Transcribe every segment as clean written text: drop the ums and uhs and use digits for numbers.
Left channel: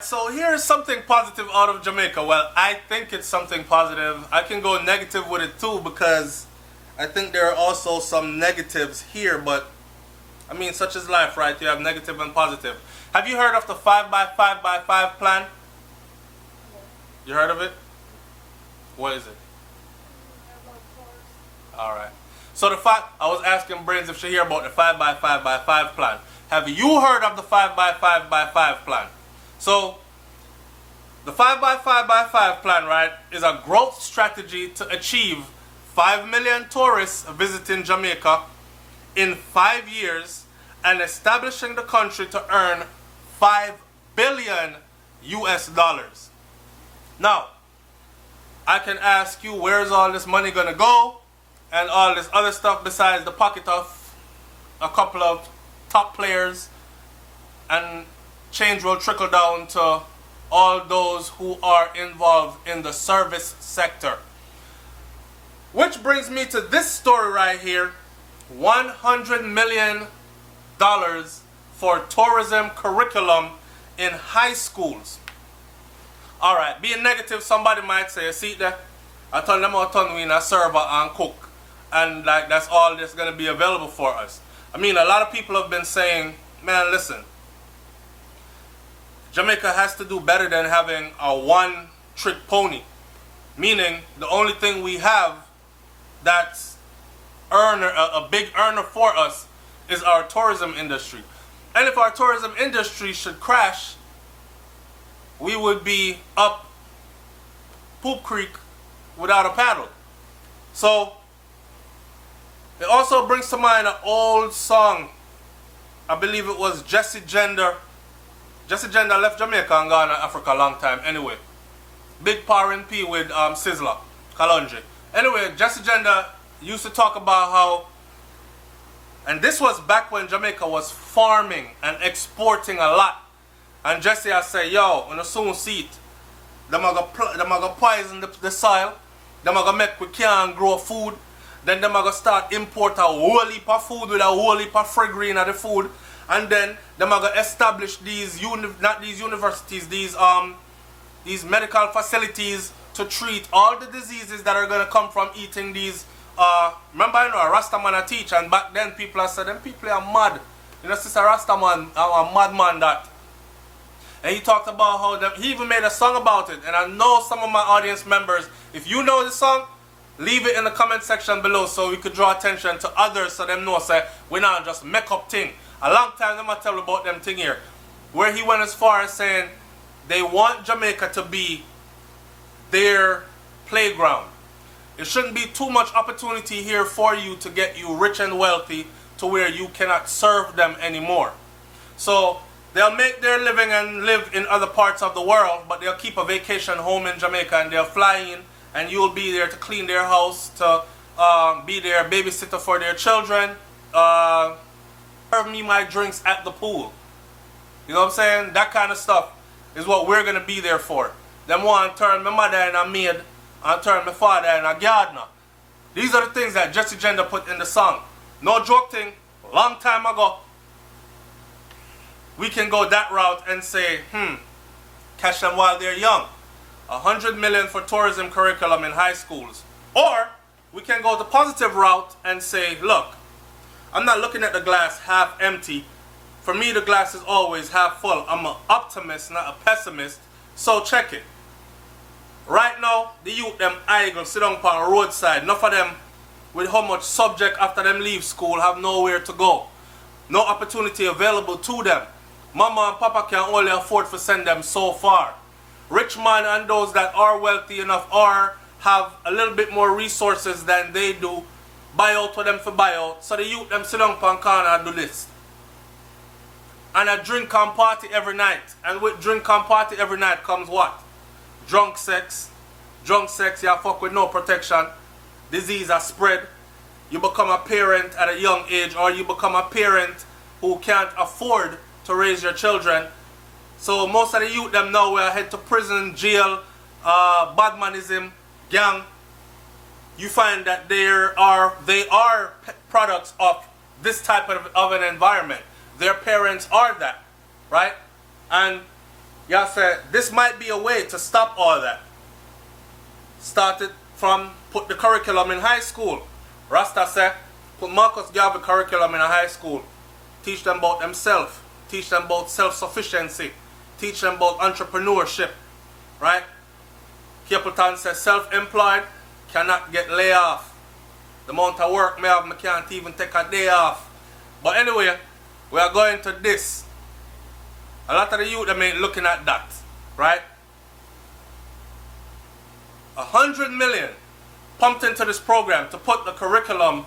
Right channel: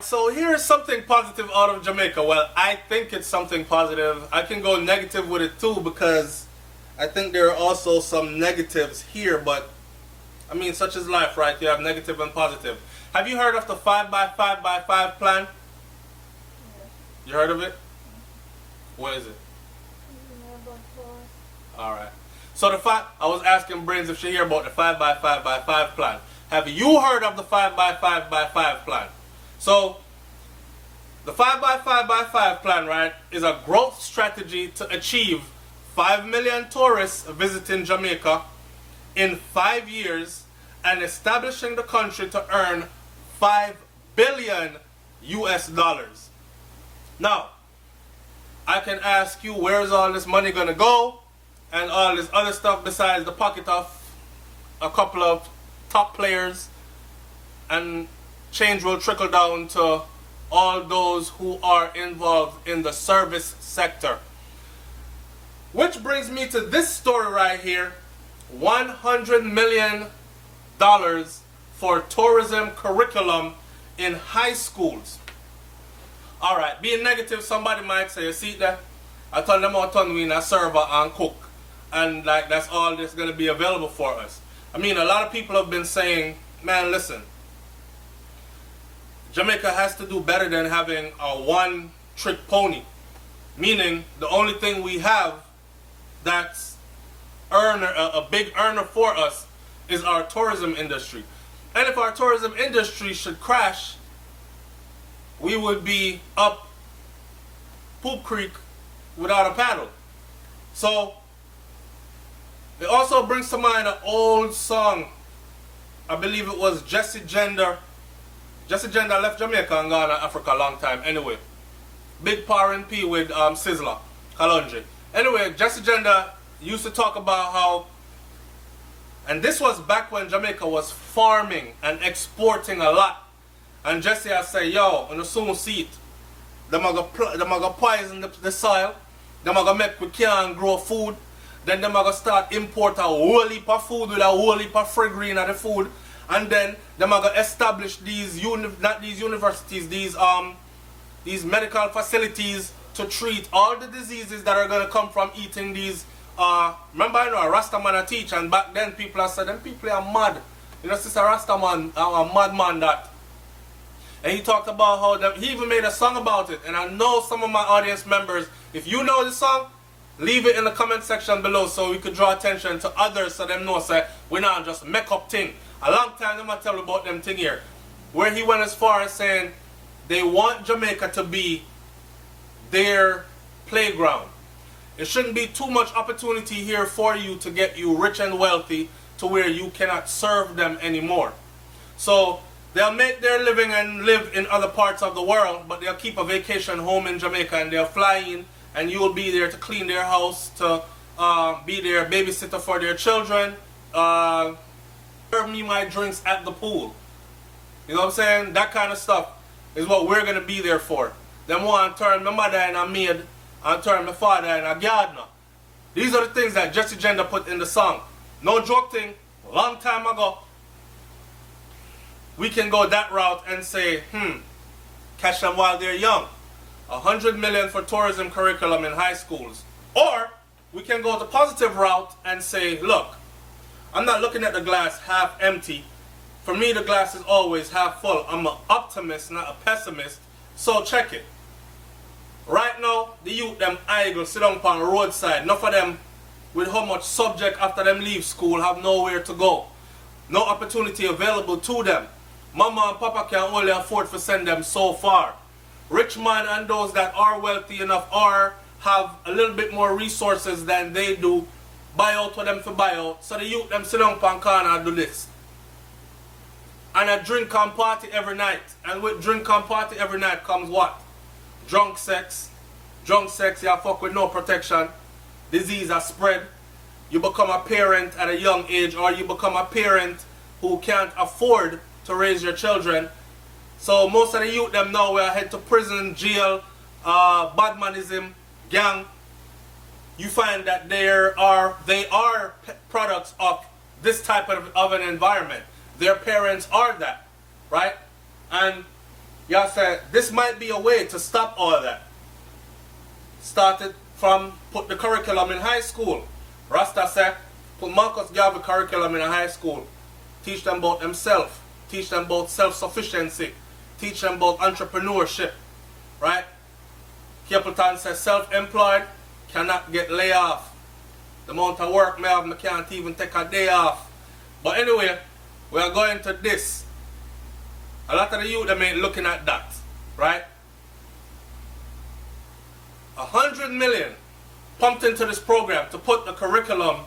So here's something positive out of Jamaica. Well, I think it's something positive. I can go negative with it too because I think there are also some negatives here, but I mean, such is life, right? You have negative and positive. Have you heard of the 5 by 5 by 5 plan? You heard of it? What is it? All right. So I was asking Brains if she hear about the 5 by 5 by 5 plan. Have you heard of the 5 by 5 by 5 plan? So the 5 by 5 by 5 plan, right, is a growth strategy to achieve 5 million tourists visiting Jamaica in 5 years and establishing the country to earn 5 billion US dollars. Now, I can ask you, where's all this money gonna go and all this other stuff besides the pocket of a couple of top players, and change will trickle down to all those who are involved in the service sector. Which brings me to this story right here. $100 million for tourism curriculum in high schools. Alright, being negative, somebody might say, you see that? I told them how to win a server and cook. And like that's all that's going to be available for us. I mean, a lot of people have been saying, man, listen, Jamaica has to do better than having a one-trick pony. Meaning, the only thing we have that's a big earner for us is our tourism industry. And if our tourism industry should crash, we would be up Poop Creek without a paddle. So, it also brings to mind an old song. I believe it was Jesse Gender. Jesse Gender left Jamaica and gone to Africa a long time. Anyway, Big Power and P with Sizzler, Kalonji. Anyway, Jesse Gender used to talk about how, and this was back when Jamaica was farming and exporting a lot. And Jesse I say, yo, on the soon see it. Them are gonna poison the soil. Them are gonna make we can't grow food. Then them are gonna start import a whole heap of food with a whole heap of free of the food. And then them are gonna establish these universities, these medical facilities to treat all the diseases that are gonna come from eating these. Remember, you know, a Rasta man a teach, and back then people are said them people are mad. You know, sister Rasta man, a madman that. And he talked about how he even made a song about it. And I know some of my audience members, if you know the song, leave it in the comment section below so we could draw attention to others so them know say we not just make up thing. A long time them I tell about them thing here. Where he went as far as saying they want Jamaica to be their playground. It shouldn't be too much opportunity here for you to get you rich and wealthy to where you cannot serve them anymore. So they'll make their living and live in other parts of the world, but they'll keep a vacation home in Jamaica and they'll fly in and you'll be there to clean their house, to be their babysitter for their children, serve me my drinks at the pool. You know what I'm saying? That kind of stuff is what we're going to be there for. Them want to turn my mother in a maid and turn my father in a gardener. These are the things that Jesse Gender put in the song. No joke thing, long time ago. We can go that route and say, catch them while they're young. 100 million for tourism curriculum in high schools. Or we can go the positive route and say, look, I'm not looking at the glass half empty. For me, the glass is always half full. I'm an optimist, not a pessimist. So check it. Right now, the youth, them idle, sit down on the roadside. Enough of them, with how much subject after them leave school, have nowhere to go. No opportunity available to them. Mama and Papa can only afford to send them so far. Rich man and those that are wealthy enough or have a little bit more resources than they do, buy out for them for buy out. So the youth them sit down on corner and do this. And a drink and party every night. And with drink and party every night comes what? Drunk sex. Drunk sex, you fuck with no protection. Disease are spread. You become a parent at a young age, or you become a parent who can't afford to raise your children. So most of the youth them now will head to prison, jail, badmanism, gang. You find that they are products of this type of an environment. Their parents are that, right? And y'all said this might be a way to stop all that. Started from put the curriculum in high school. Rasta said, put Marcus Garvey curriculum in a high school. Teach them about themselves. Teach them about self-sufficiency. Teach them about entrepreneurship. Right? Capleton says self-employed cannot get laid off. The amount of work me have, me can't even take a day off. But anyway, we are going to this. A lot of the youth them ain't looking at that. Right? 100 million pumped into this program to put the curriculum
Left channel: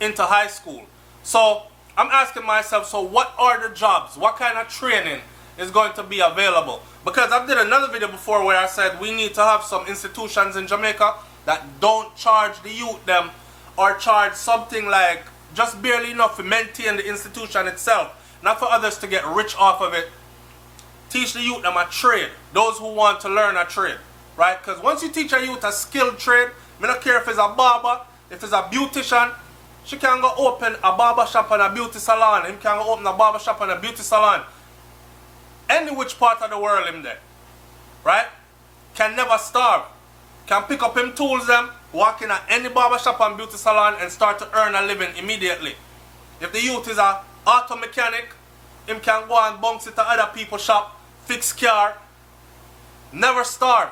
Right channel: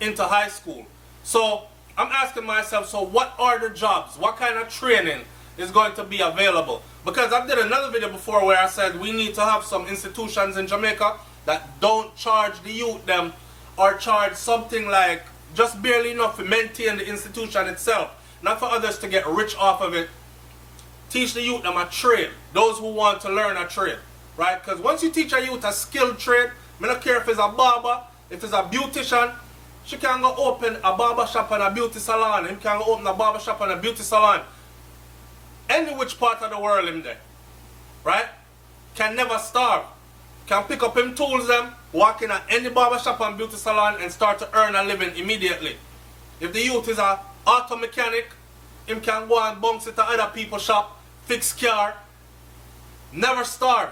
into high school. So I'm asking myself, so what are the jobs? What kind of training is going to be available? Because I did another video before where I said we need to have some institutions in Jamaica that don't charge the youth them, or charge something like just barely enough to maintain the institution itself, not for others to get rich off of it. Teach the youth them a trade, those who want to learn a trade. Right? Because once you teach a youth a skilled trade, I don't care if it's a barber, if it's a beautician, she can go open a barber shop and a beauty salon. Him can go open a barber shop and a beauty salon. Any which part of the world him there. Right? Can never starve. Can pick up him tools them, walk in at any barber shop and beauty salon and start to earn a living immediately. If the youth is a auto mechanic, him can go and bounce it to other people's shop, fix car, never starve.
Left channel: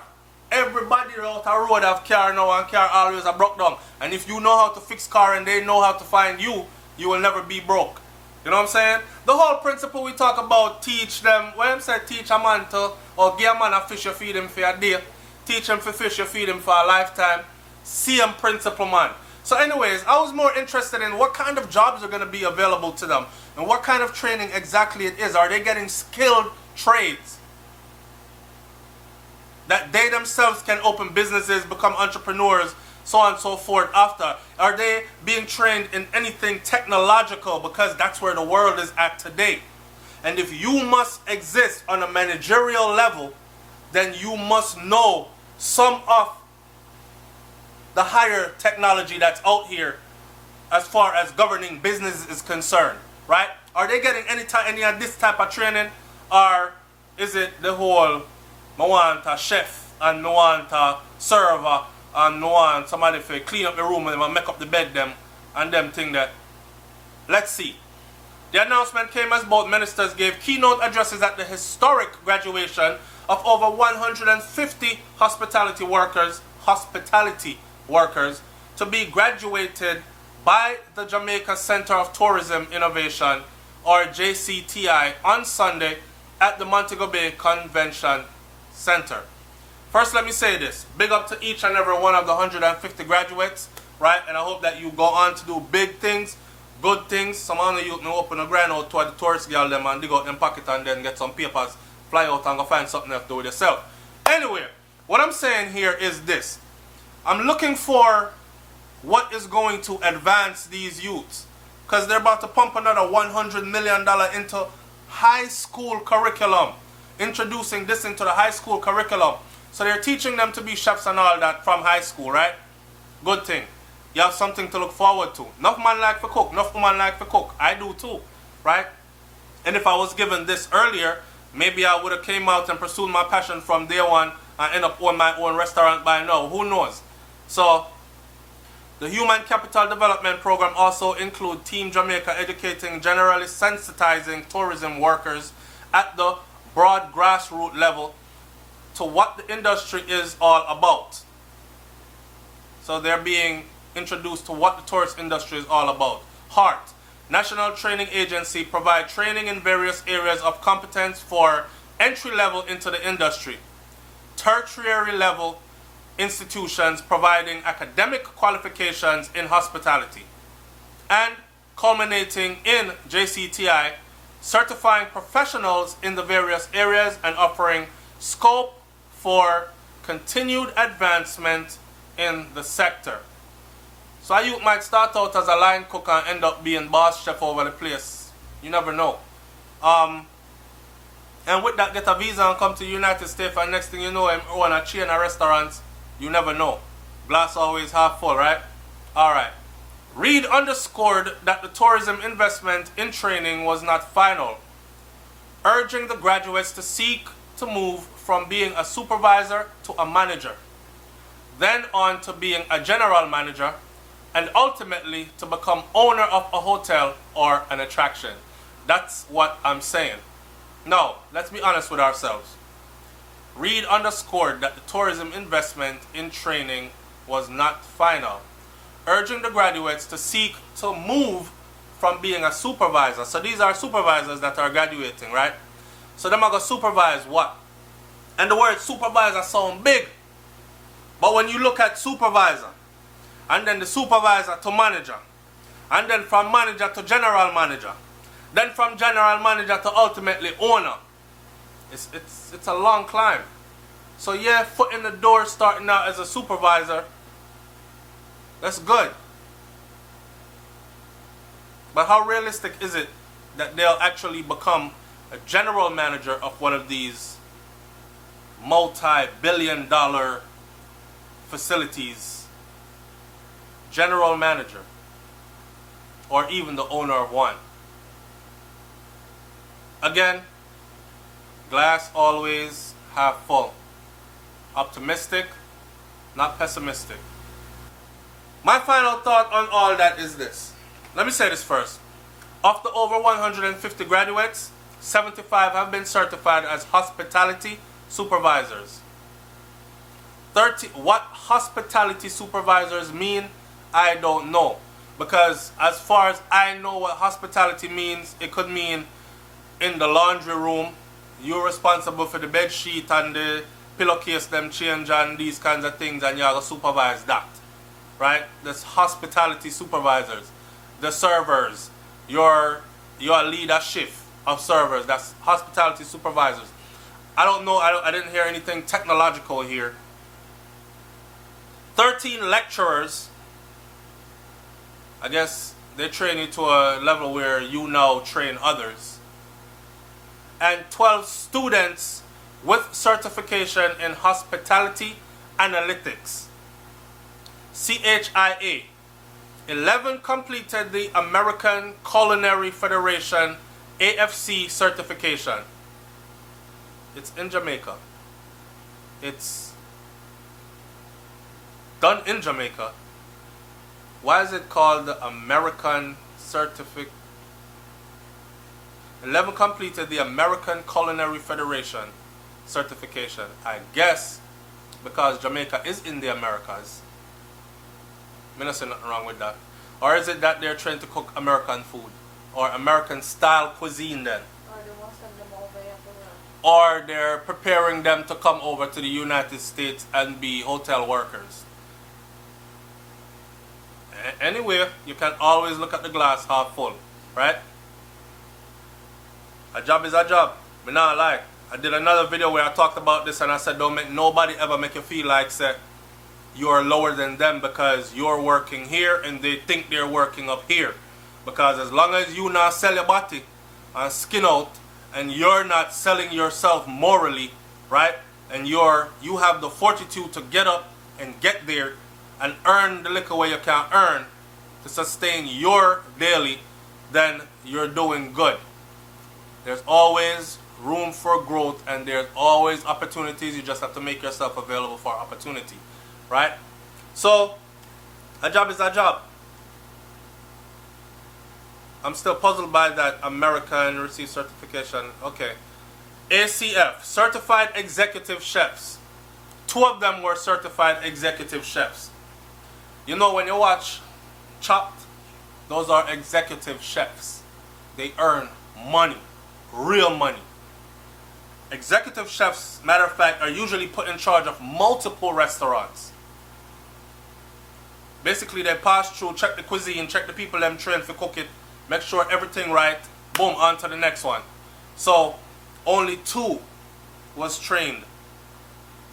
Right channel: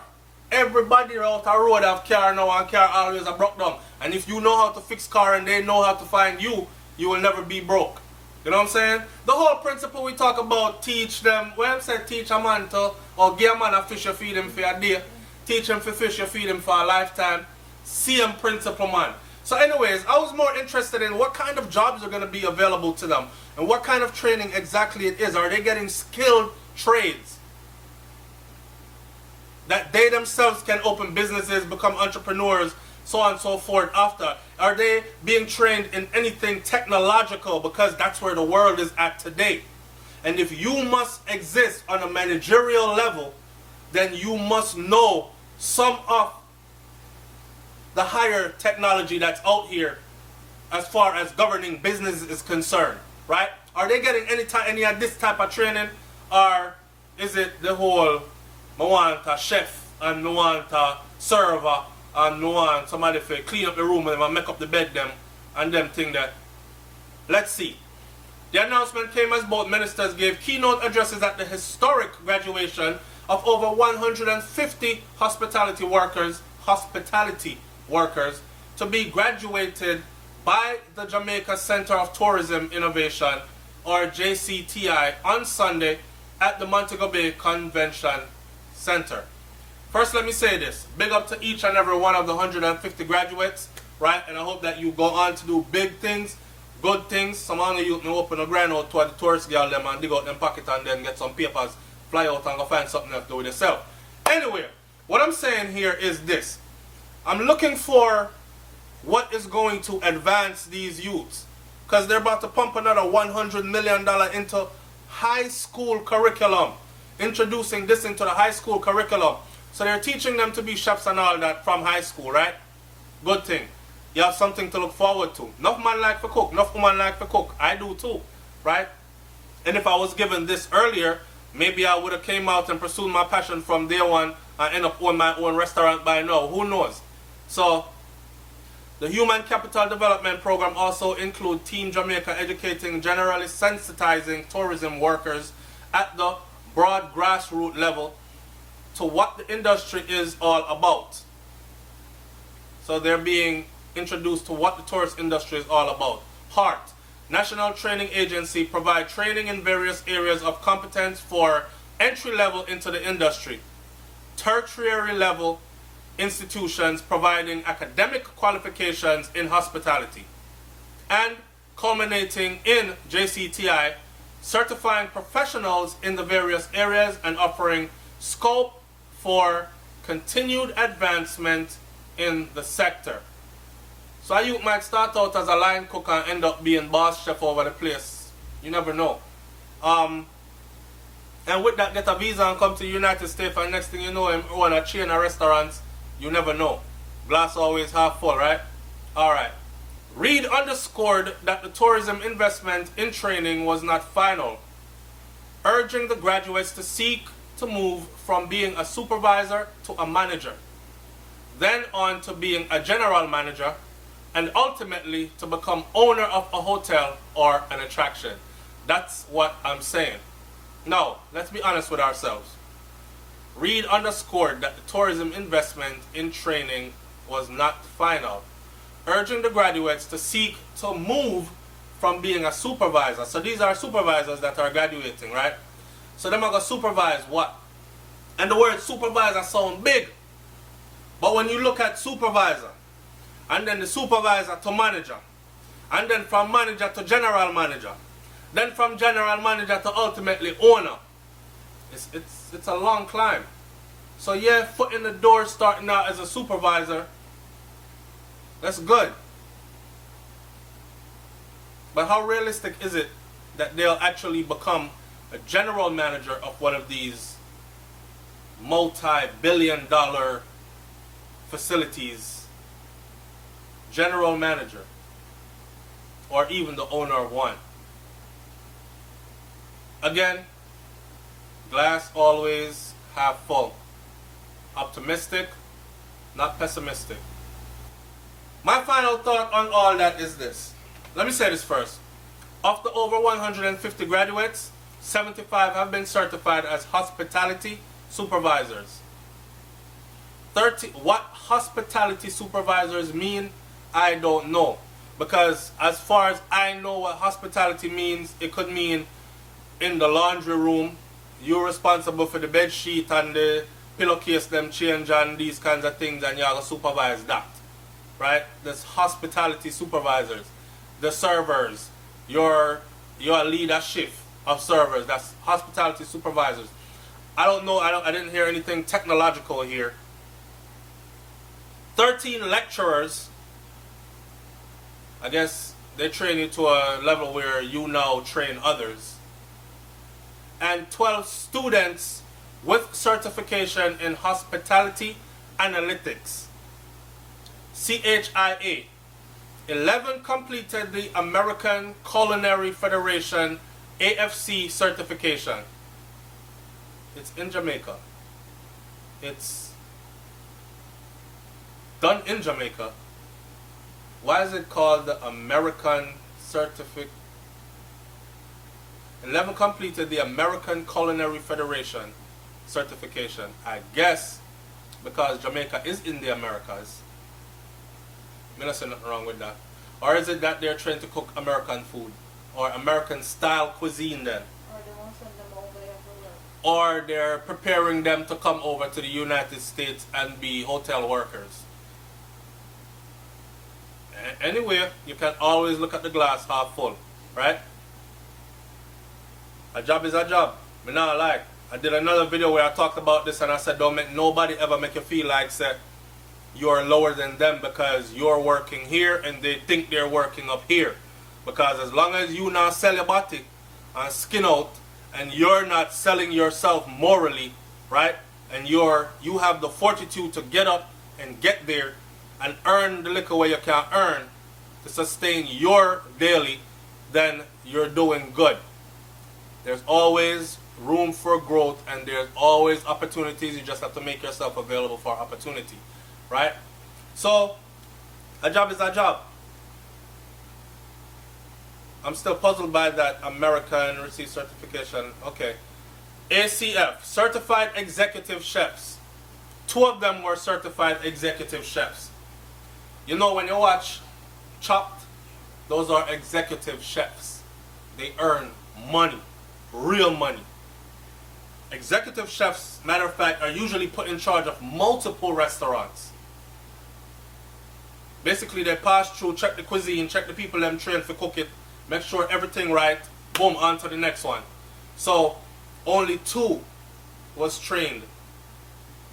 Everybody out the road have car now, and car always a broke down. And if you know how to fix car and they know how to find you, you will never be broke. You know what I'm saying? The whole principle we talk about, teach them, when I say teach a man to, or give a man a fish, you feed him for a day. Teach him for fish, you feed him for a lifetime. Same principle, man. So anyways, I was more interested in what kind of jobs are going to be available to them. And what kind of training exactly it is. Are they getting skilled trades that they themselves can open businesses, become entrepreneurs, so on and so forth after? Are they being trained in anything technological? Because that's where the world is at today. And if you must exist on a managerial level, then you must know some of the higher technology that's out here as far as governing business is concerned. Right? Are they getting any of this type of training? Or is it the whole, I want a chef, and I want a server, and I want somebody to clean up the room and make up the bed them, and them thing that. Let's see. The announcement came as both ministers gave keynote addresses at the historic graduation of over 150 hospitality workers to be graduated by the Jamaica Center of Tourism Innovation, or JCTI, on Sunday at the Montego Bay Convention Center. First, let me say this. Big up to each and every one of the 150 graduates, right? And I hope that you go on to do big things, good things. Some of you may open a grind out to the tourist girl them and dig out them pocket and then get some papers, fly out and go find something else to do with yourself. Anyway, what I'm saying here is this. I'm looking for what is going to advance these youths, because they're about to pump another $100 million into high school curriculum. Introducing this into the high school curriculum. So they're teaching them to be chefs and all that from high school, right? Good thing. You have something to look forward to. Enough man like to cook, enough woman like to cook. I do too, right? And if I was given this earlier, maybe I would have came out and pursued my passion from day one and end up owning my own restaurant by now. Who knows? So the Human Capital Development Program also includes Team Jamaica educating, generally sensitizing tourism workers at the broad grassroots level to what the industry is all about. So they're being introduced to what the tourist industry is all about. HEART, National Training Agency, provide training in various areas of competence for entry level into the industry. Tertiary level institutions providing academic qualifications in hospitality. And culminating in JCTI, certifying professionals in the various areas and offering scope for continued advancement in the sector. So a youth might start out as a line cook and end up being boss chef over the place. You never know. And with that, get a visa and come to the United States, and next thing you know, him own a chain of restaurants. You never know. Glass always half full, right? Alright. Reid underscored that the tourism investment in training was not final, urging the graduates to seek to move from being a supervisor to a manager, then on to being a general manager, and ultimately to become owner of a hotel or an attraction. That's what I'm saying. Now, let's be honest with ourselves. Reed underscored that the tourism investment in training was not final, urging the graduates to seek to move from being a supervisor. So these are supervisors that are graduating, right? So them are going to supervise what? And the word supervisor sound big. But when you look at supervisor, and then the supervisor to manager, and then from manager to general manager, then from general manager to ultimately owner, it's a long climb. So yeah, foot in the door starting out as a supervisor, that's good. But how realistic is it that they'll actually become a general manager of one of these multi-billion-dollar facilities? General manager, or even the owner of one. Again, glass always half full. Optimistic, not pessimistic. My final thought on all that is this. Let me say this first. Of the over 150 graduates, 75 have been certified as hospitality supervisors. What hospitality supervisors mean, I don't know. Because as far as I know what hospitality means, it could mean in the laundry room, you're responsible for the bed sheet and the pillowcase them change and these kinds of things, and you're going to supervise that. Right? That's hospitality supervisors. The servers, your leadership of servers, that's hospitality supervisors. I don't know, I didn't hear anything technological here. 13 lecturers, I guess they train you to a level where you now train others. And 12 students with certification in hospitality analytics, CHIA. 11 completed the American Culinary Federation AFC certification. It's in Jamaica. It's done in Jamaica. Why is it called the American Certificate? 11 completed the American Culinary Federation certification. I guess because Jamaica is in the Americas. I don't see nothing wrong with that. Or is it that they're trying to cook American food? Or American style cuisine then? Or they're preparing them to come over to the United States and be hotel workers. Anyway, you can always look at the glass half full, right? A job is a job. Me not like. I did another video where I talked about this and I said don't make nobody ever make you feel like say you're lower than them because you're working here and they think they're working up here. Because as long as you not sell your body and skin out and you're not selling yourself morally, right? And you have the fortitude to get up and get there and earn the liquor where you can earn to sustain your daily, then you're doing good. There's always room for growth and there's always opportunities. You just have to make yourself available for opportunity, right? So a job is a job. I'm still puzzled by that American receive certification. Okay. ACF, Certified Executive Chefs. 2 of them were certified executive chefs. You know, when you watch Chopped, those are executive chefs. They earn money, real money. Executive chefs, matter of fact, are usually put in charge of multiple restaurants. Basically, they pass through, check the cuisine, check the people them trained to cook it, make sure everything right, boom, on to the next one. So, only 2 was trained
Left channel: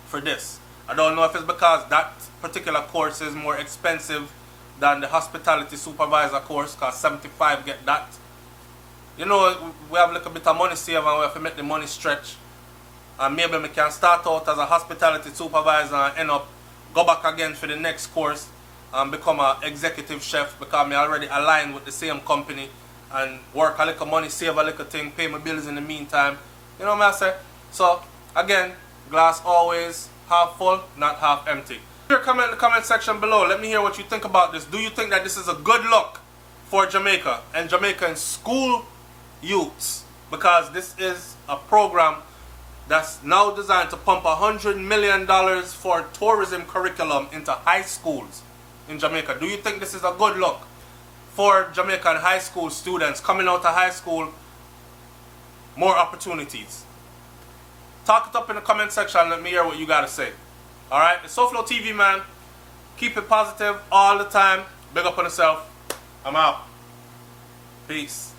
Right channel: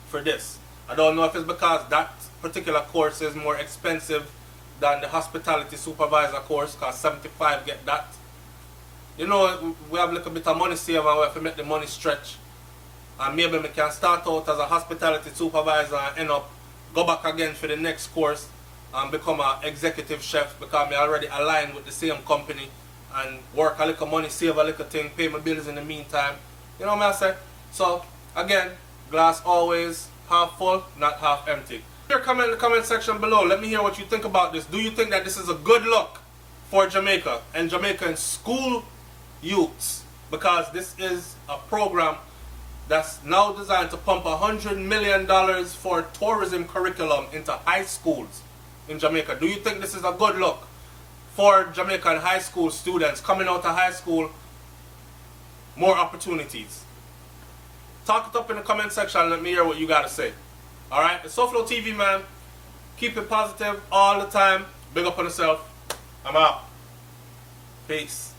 for this. I don't know if it's because that particular course is more expensive than the hospitality supervisor course, because 75 get that. You know, we have a little bit of money saved and we have to make the money stretch. And maybe we can start out as a hospitality supervisor and end up, go back again for the next course and become an executive chef because I already aligned with the same company and work a little money, save a little thing, pay my bills in the meantime. You know what I say? So, Again, glass always half full, not half empty. Here, comment in the comment section below. Let me hear what you think about this. Do you think that this is a good look for Jamaica and Jamaican school youths? Because this is a program that's now designed to pump $100 million for tourism curriculum into high schools in Jamaica. Do you think this is a good look for Jamaican high school students coming out of high school? More opportunities. Talk it up in the comment section. Let me hear what you got to say. Alright, it's Souflotv, man. Keep it positive all the time. Big up on yourself. I'm out. Peace.